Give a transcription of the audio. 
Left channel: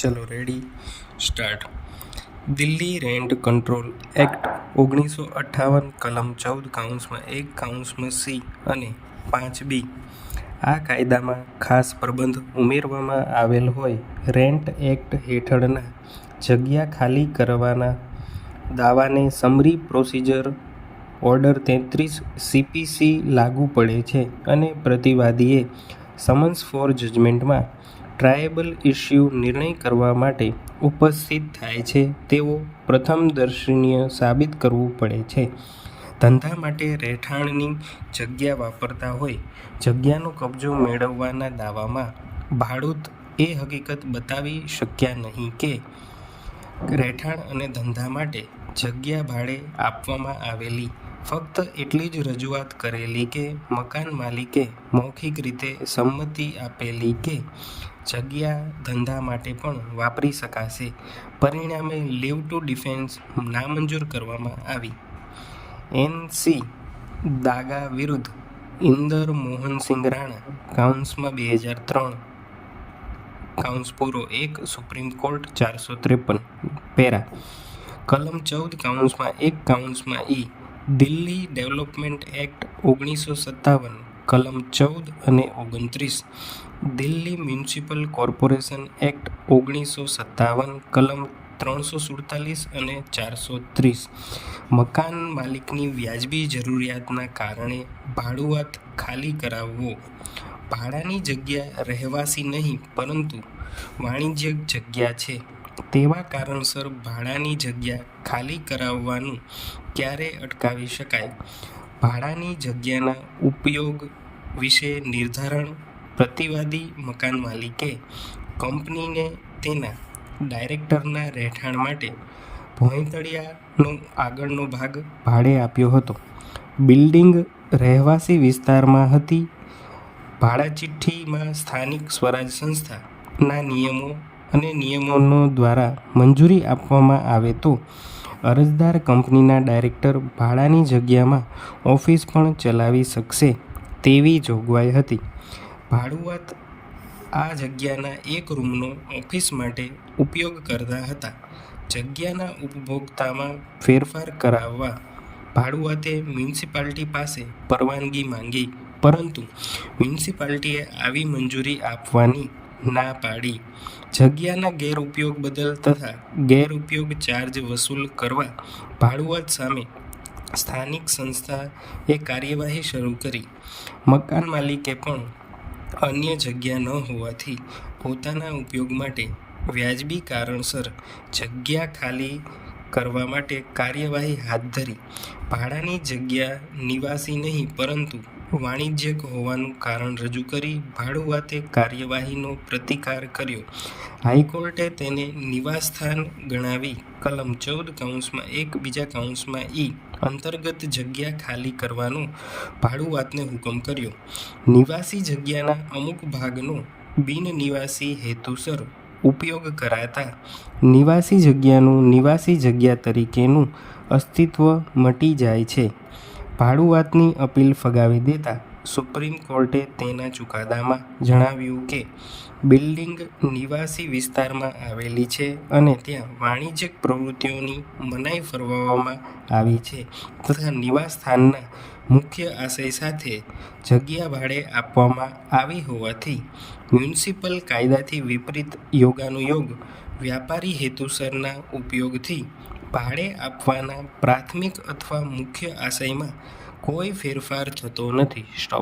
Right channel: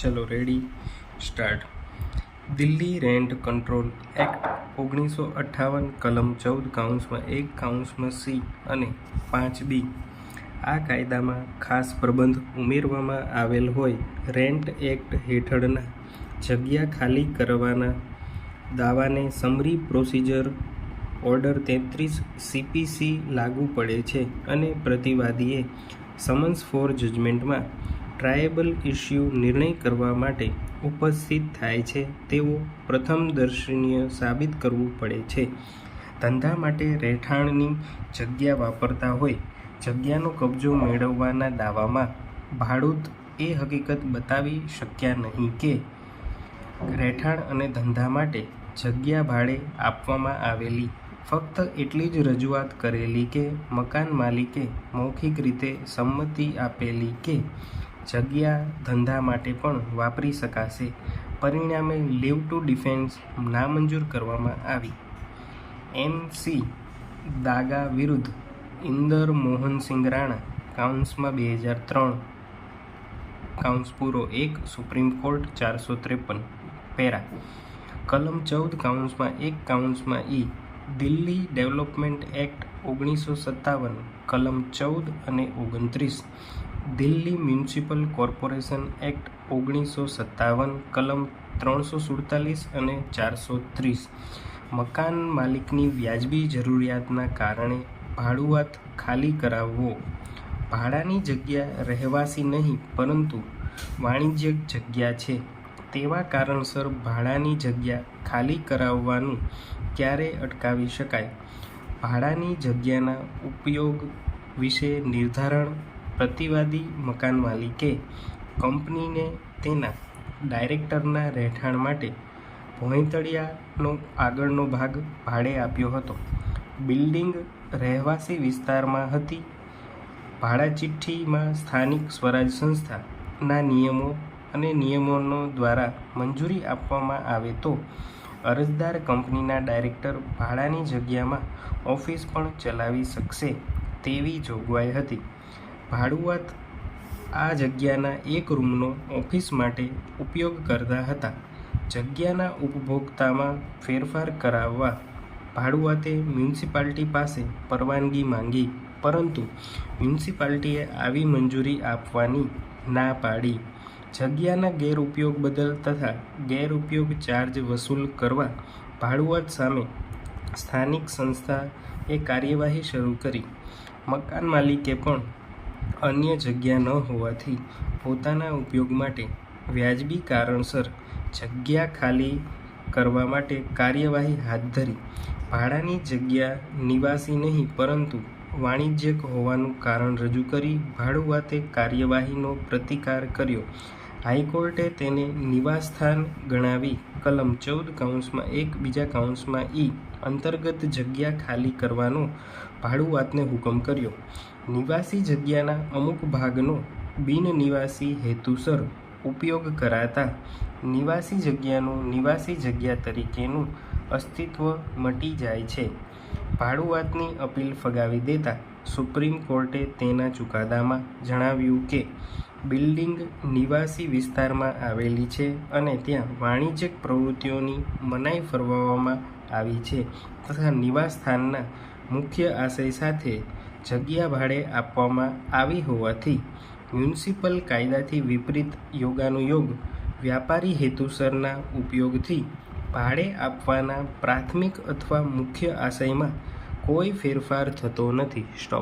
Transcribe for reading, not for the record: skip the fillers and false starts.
ચલો ready start. Delhi rent control act 1958 કલમ 14(1)(c) અને 5(b). આ કાયદામાં ખાસ પ્રબંધ ઉમેરવામાં આવેલ હોય. રેન્ટ એક્ટ હેઠળના જગ્યા ખાલી કરવાના દાવાને સમરી પ્રોસિજર ઓર્ડર 33 CPC લાગુ પડે છે અને પ્રતિવાદીએ સમન્સ ફોર જજમેન્ટમાં ટ્રાયેબલ ઇસ્યુ નિર્ણય કરવા માટે ઉપસ્થિત થાય છે તેવો પ્રથમદર્શનીય સાબિત કરવું પડે છે. ધંધા માટે રહેઠાણની જગ્યા વાપરતા હોય જગ્યાનો કબજો મેળવવાના દાવામાં ભાડૂત એ હકીકત બતાવી શક્યા નહીં કે રહેઠાણ અને ધંધા માટે જગ્યા ભાડે આપવામાં આવેલી. ફક્ત એટલી જ રજૂઆત કરેલી કે મકાન માલિકે મૌખિક રીતે સંમતિ આપેલી કે જગ્યા ધંધા માટે પણ વાપરી શકાશે. પરિણામે લીવ ટુ ડિફેન્સ નામંજૂર કરવામાં આવી. NC દાગા વિરુદ્ધ Inder Mohansingh Rana 2003 1 Supreme Court 453 para. કલમ 14(1)(e) દિલ્હી ડેવલપમેન્ટ એક્ટ 1957 કલમ 14 અને 29. દિલ્હી મ્યુનિસિપલ કોર્પોરેશન એક્ટ 1957 કલમ 347 અને 430. મકાન માલિકની વ્યાજબી જરૂરિયાતના કારણે ભાડુઆત ખાલી કરાવવો. ભાડાની જગ્યા રહેવાસી નહીં પરંતુ વાણિજ્યક જગ્યા છે તેવા કારણસર ભાડાની જગ્યા ખાલી કરાવવાનું ક્યારે અટકાવી શકાય. ભાડાની જગ્યાના ઉપયોગ વિશે નિર્ધારણ. પ્રતિવાદી મકાન માલિકે કંપનીને તેના ડાયરેક્ટરના રહેઠાણ માટે ભોંયતળિયાનો આગળનો ભાગ ભાડે આપ્યો હતો. બિલ્ડિંગ રહેવાસી વિસ્તારમાં હતી. ભાડા ચિઠ્ઠીમાં સ્થાનિક સ્વરાજ સંસ્થાના નિયમો અને નિયમનો દ્વારા મંજૂરી આપવામાં આવે તો અરજદાર કંપનીના ડાયરેક્ટર ભાડાની જગ્યામાં ઓફિસ પણ ચલાવી શકશે તેવી જોગવાઈ હતી. ભાડુઆત આ જગ્યાના એક રૂમનો ઓફિસ માટે ઉપયોગ કરતા હતા. જગ્યાના ઉપભોગતામાં ફેરફાર કરાવવા ભાડુઆતે મ્યુનિસિપાલિટી પાસે પરવાનગી માંગી પરંતુ મ્યુનિસિપાલિટીએ આવી મંજૂરી આપવાની ના પાડી. જગ્યાના ગેરઉપયોગ બદલ તથા ગેરઉપયોગ ચાર્જ વસૂલ કરવા ભાડુઆત સામે સ્થાનિક સંસ્થાએ કાર્યવાહી શરૂ કરી. મકાન માલિકે પણ અન્ય જગ્યા ન હોવાથી પોતાના ઉપયોગ માટે વ્યાજબી કારણસર જગ્યા ખાલી કરવા માટે કાર્યવાહી હાથ ધરી. ભાડાની જગ્યા નિવાસી નહીં પરંતુ વાણિજ્યક હોવાનું કારણ રજૂ કરી ભાડુઆતે કાર્યવાહીનો પ્રતિકાર કર્યો. હાઈકોર્ટે તેને નિવાસસ્થાન ગણાવી કલમ 14(1)(e) અંતર્ગત જગ્યા ખાલી કરવાનો ભાડુઆતને હુકમ કર્યો. નિવાસી જગ્યાના અમુક ભાગનો બિનનિવાસી હેતુસર ઉપયોગ કરાતા નિવાસી જગ્યાનું નિવાસી જગ્યા તરીકેનું અસ્તિત્વ મટી જાય છે. ભાડુઆતની અપીલ ફગાવી દેતા સુપ્રીમ કોર્ટે તેના ચુકાદામાં જણાવ્યું કે બિલ્ડિંગ નિવાસી વિસ્તારમાં આવેલી છે અને ત્યાં વાણિજ્યક પ્રવૃત્તિઓની મનાઈ ફરમાવવામાં આવી છે તથા નિવાસસ્થાનના મુખ્ય આશય સાથે જગ્યા ભાડે આપવામાં આવી હોવાથી મ્યુનિસિપલ કાયદાથી વિપરીત યોગાનુયોગ વ્યાપારી હેતુસરના ઉપયોગથી ભાડે આપવાના પ્રાથમિક અથવા મુખ્ય આશયમાં કોઈ ફેરફાર થતો નથી. સ્ટોપ.